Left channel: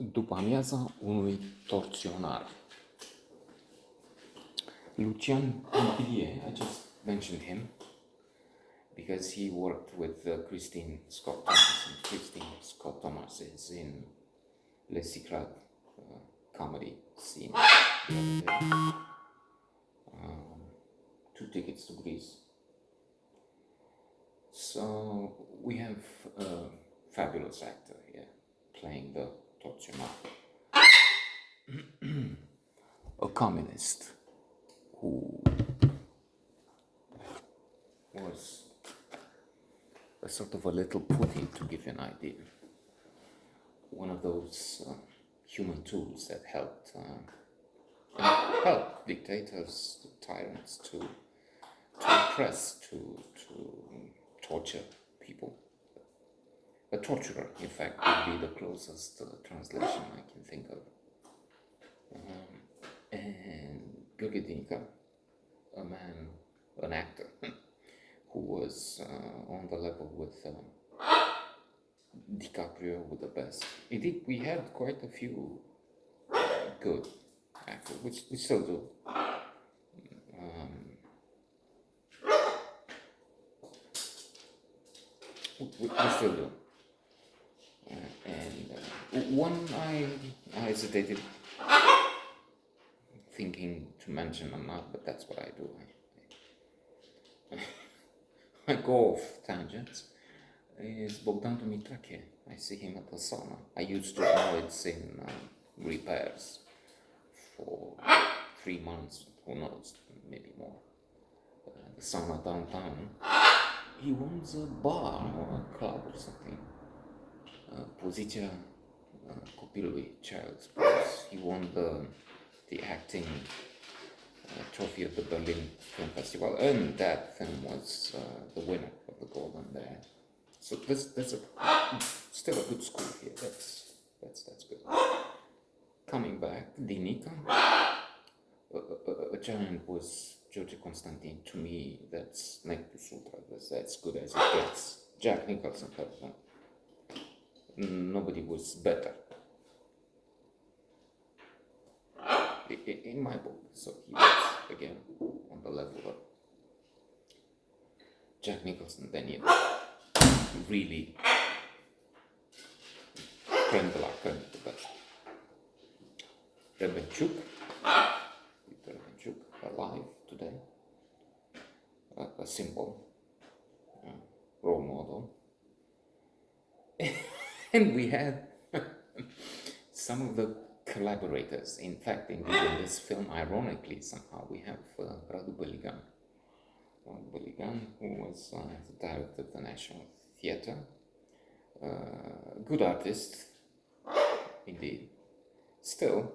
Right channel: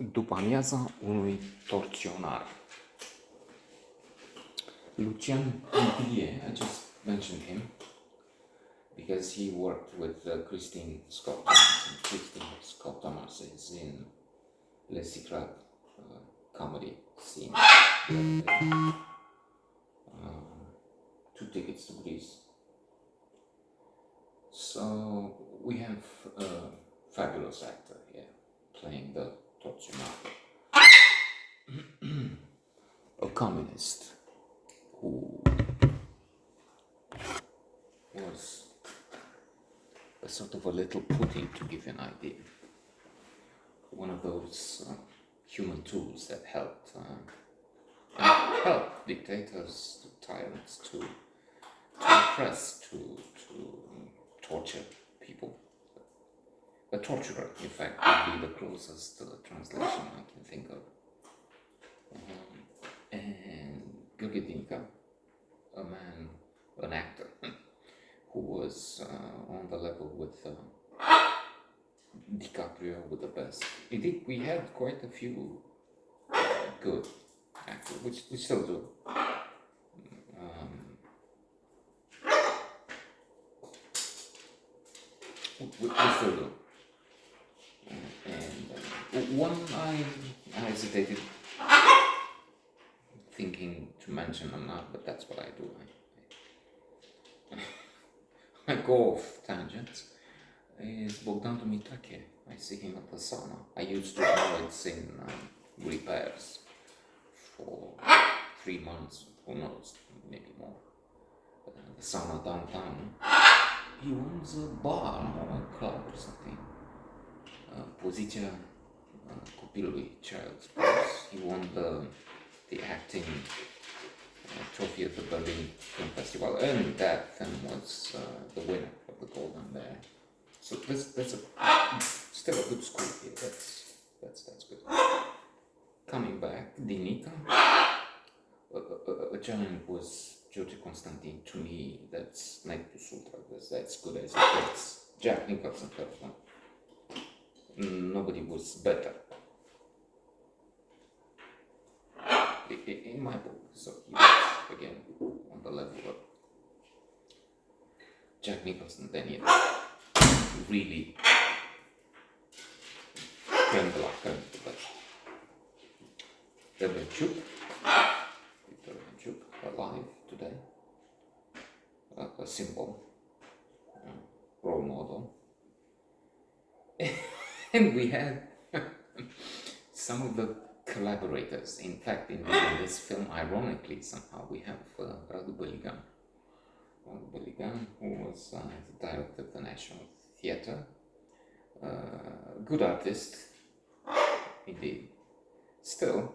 Dupa Amiaza unui Tortionar. Lucian Montpellier, I just mentioned him because he worked with Christine Scott Thomas in Le Secret comedy scene the other day. 2 tickets to Greece. So we have a fabulous actor here playing the Tortionar, a communist who was a sort of a little Putin, to give you an idea. One of those human tools that help dictators, tyrants to oppress, to torture people. A torturer, in fact, would be the closest translation I can think of. And Gurgidinka, an actor, who was on the level with DiCaprio, with the best. Indeed, we had quite a few good actors, which we still do. We still do. And one I hesitated thinking to mention or not, but that's what I do. I go off tangents. Is Bogdan Dumitrache. I see him at the sauna. I used to know it's in repairs for 3 months, who knows, maybe more. The sauna downtown. He owns a bar or a club or something. Poziția copilului, Child's Place. He won the acting trophy at the Berlin Film Festival, and that film was the winner of the Golden Bear. So that's still a good school here. That's good. Coming back, Dinica, a German was George Constantin. To me, that's neck to sutra. That's good as it gets. Jack Nicholson, nobody was better in my book. So he was again on the level of Jack Nicholson. Then he really crème de la crème. Rebenchuk, alive today, a symbol, role model. And we had some of the collaborators. In fact, in this film, ironically, somehow, we have Radu Beligan, who was the director of the National Theatre, a good artist, indeed. Still,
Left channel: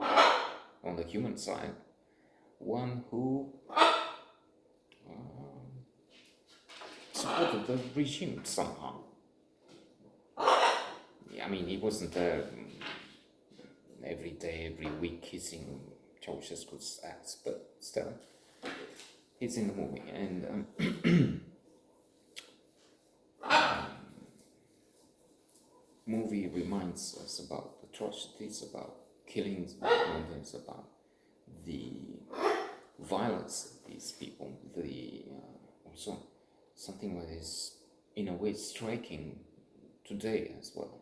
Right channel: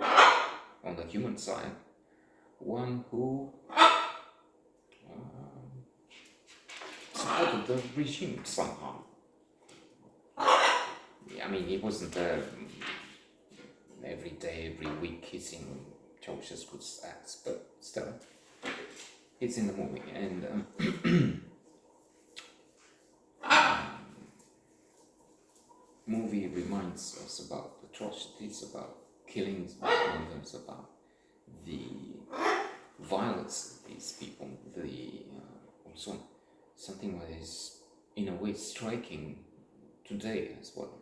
on the human side, one who supported the regime somehow. I mean, he wasn't there every day, every week kissing Ceausescu's ass, but still, it's in the movie. And movie reminds us about atrocities, about killings, about the violence of these people, also something that is in a way striking today as well.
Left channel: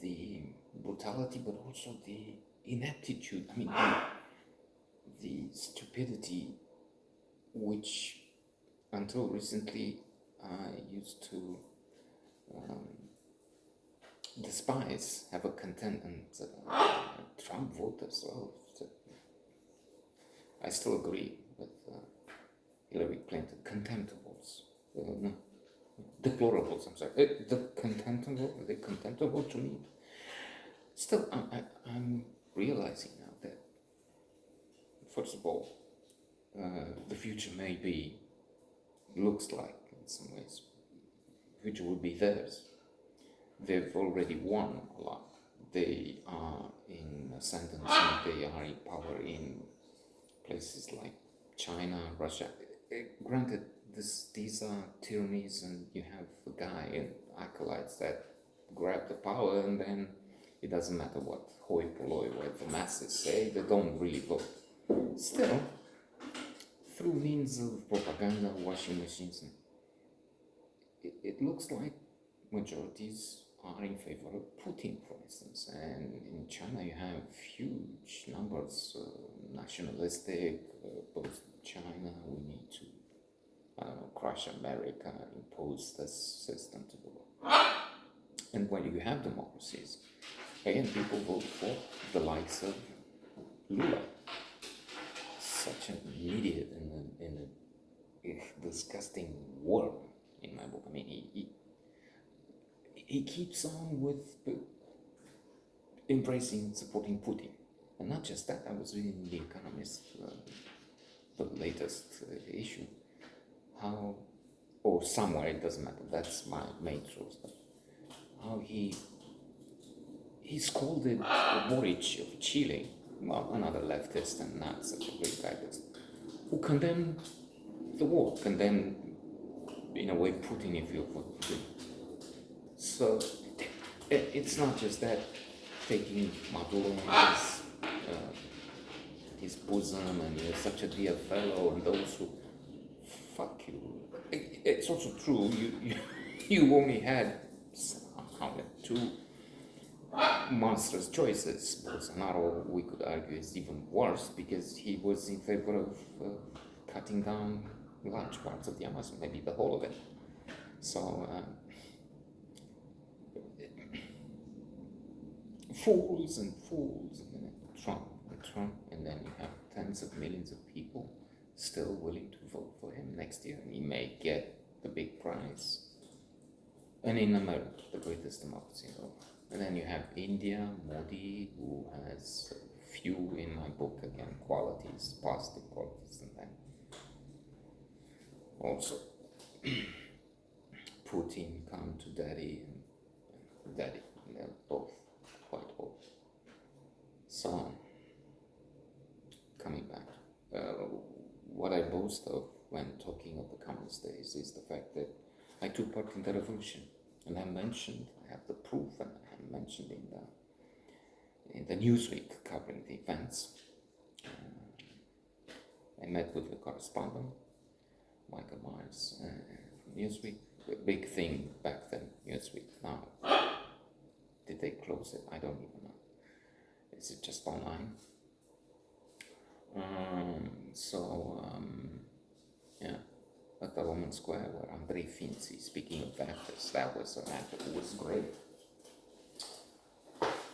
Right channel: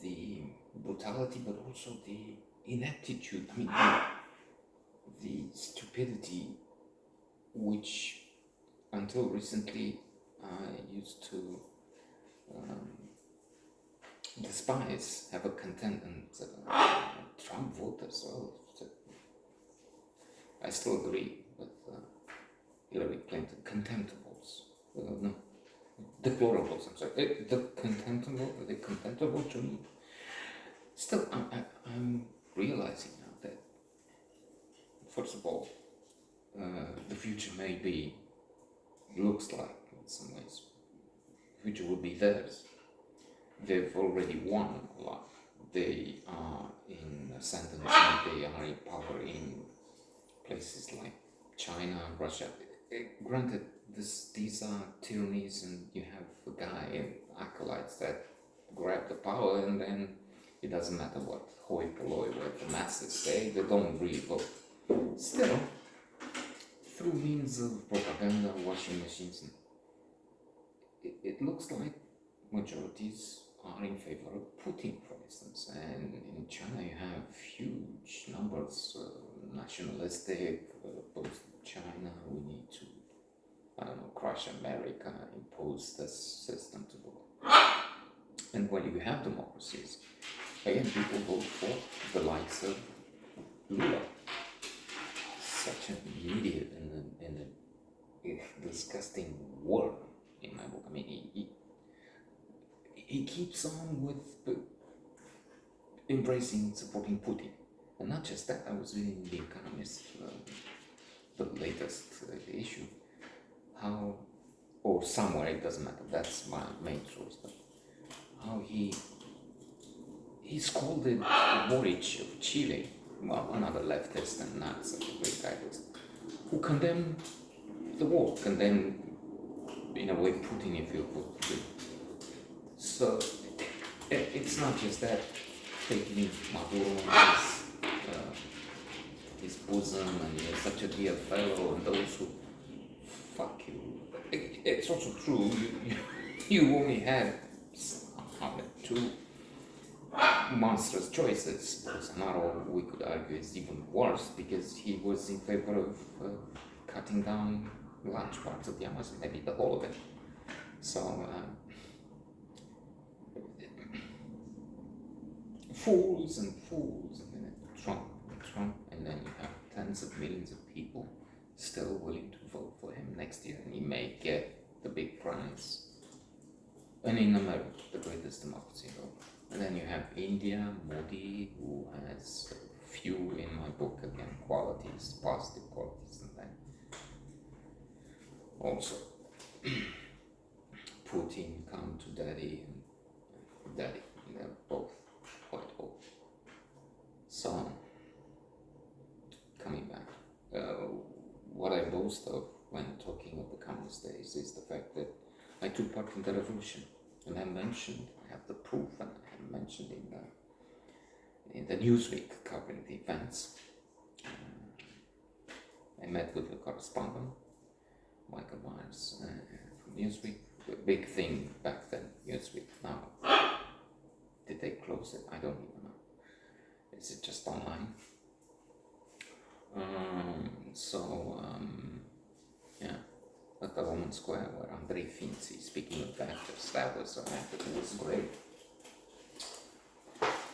The brutality, but also the ineptitude, I mean, the stupidity, which until recently I used to despise, have a contentment. Trump voters, I still agree with Hillary Clinton. Contemptibles, no, deplorables. I'm sorry. Are they contemptible to me? Still, I'm realizing now that, first of all, the future looks like, in some ways, the future will be theirs. They've already won a lot. They are in ascendance, they are in power in places like China, Russia. Granted, these are tyrannies, and you have a guy and acolytes that grab the power and then doesn't matter what hoi polloi, what the masses say, they don't really vote. Still, through means of propaganda, washing machines, it looks like majorities are in favor of Putin, for instance. And in China, you have huge numbers, nationalistic, both China, we need to, I don't know, crush America, impose this system to the world. And when you have democracies, again, people vote for the likes of Lula, such an idiot in a disgusting world, in my book. I mean, he keeps on with embracing, supporting Putin. And not just that, I was reading The Economist, the latest issue, how, or somewhere, it doesn't matter, that's my main source, but how he scolded Boric of Chile, well, another leftist and not such a great guy, who condemned the war, condemned, in a way, Putin, if you would. So it's not just that, taking Maduro his bosom, and he's such a dear fellow, and those who fuck you. It's also true, you only had two monstrous choices. Bolsonaro, we could argue, is even worse because he was in favor of cutting down large parts of the Amazon, maybe the whole of it. So, fools, and then Trump, and then you have tens of millions of people still willing to vote for him next year, and he may get the big prize. And in America, the greatest democracy in the world. And then you have India, Modi, who has few, in my book, again, qualities, positive qualities, and then also Putin, come to daddy, and daddy, they're both quite old. So, coming back, what I boast of when talking of the communist days is the fact that I took part in the revolution, and I have the proof, and I have mentioned in the Newsweek covering the events. I met with the correspondent, Michael Myers, from Newsweek. A big thing back then, Newsweek. Now, did they close it? I don't even know. Is it just online? Yeah. At the Roman Square, where Andrei Finzi, speaking of actors, that was an actor who was great.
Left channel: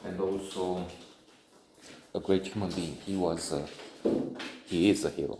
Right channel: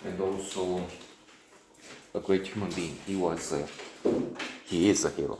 And also a great human being. He is a hero.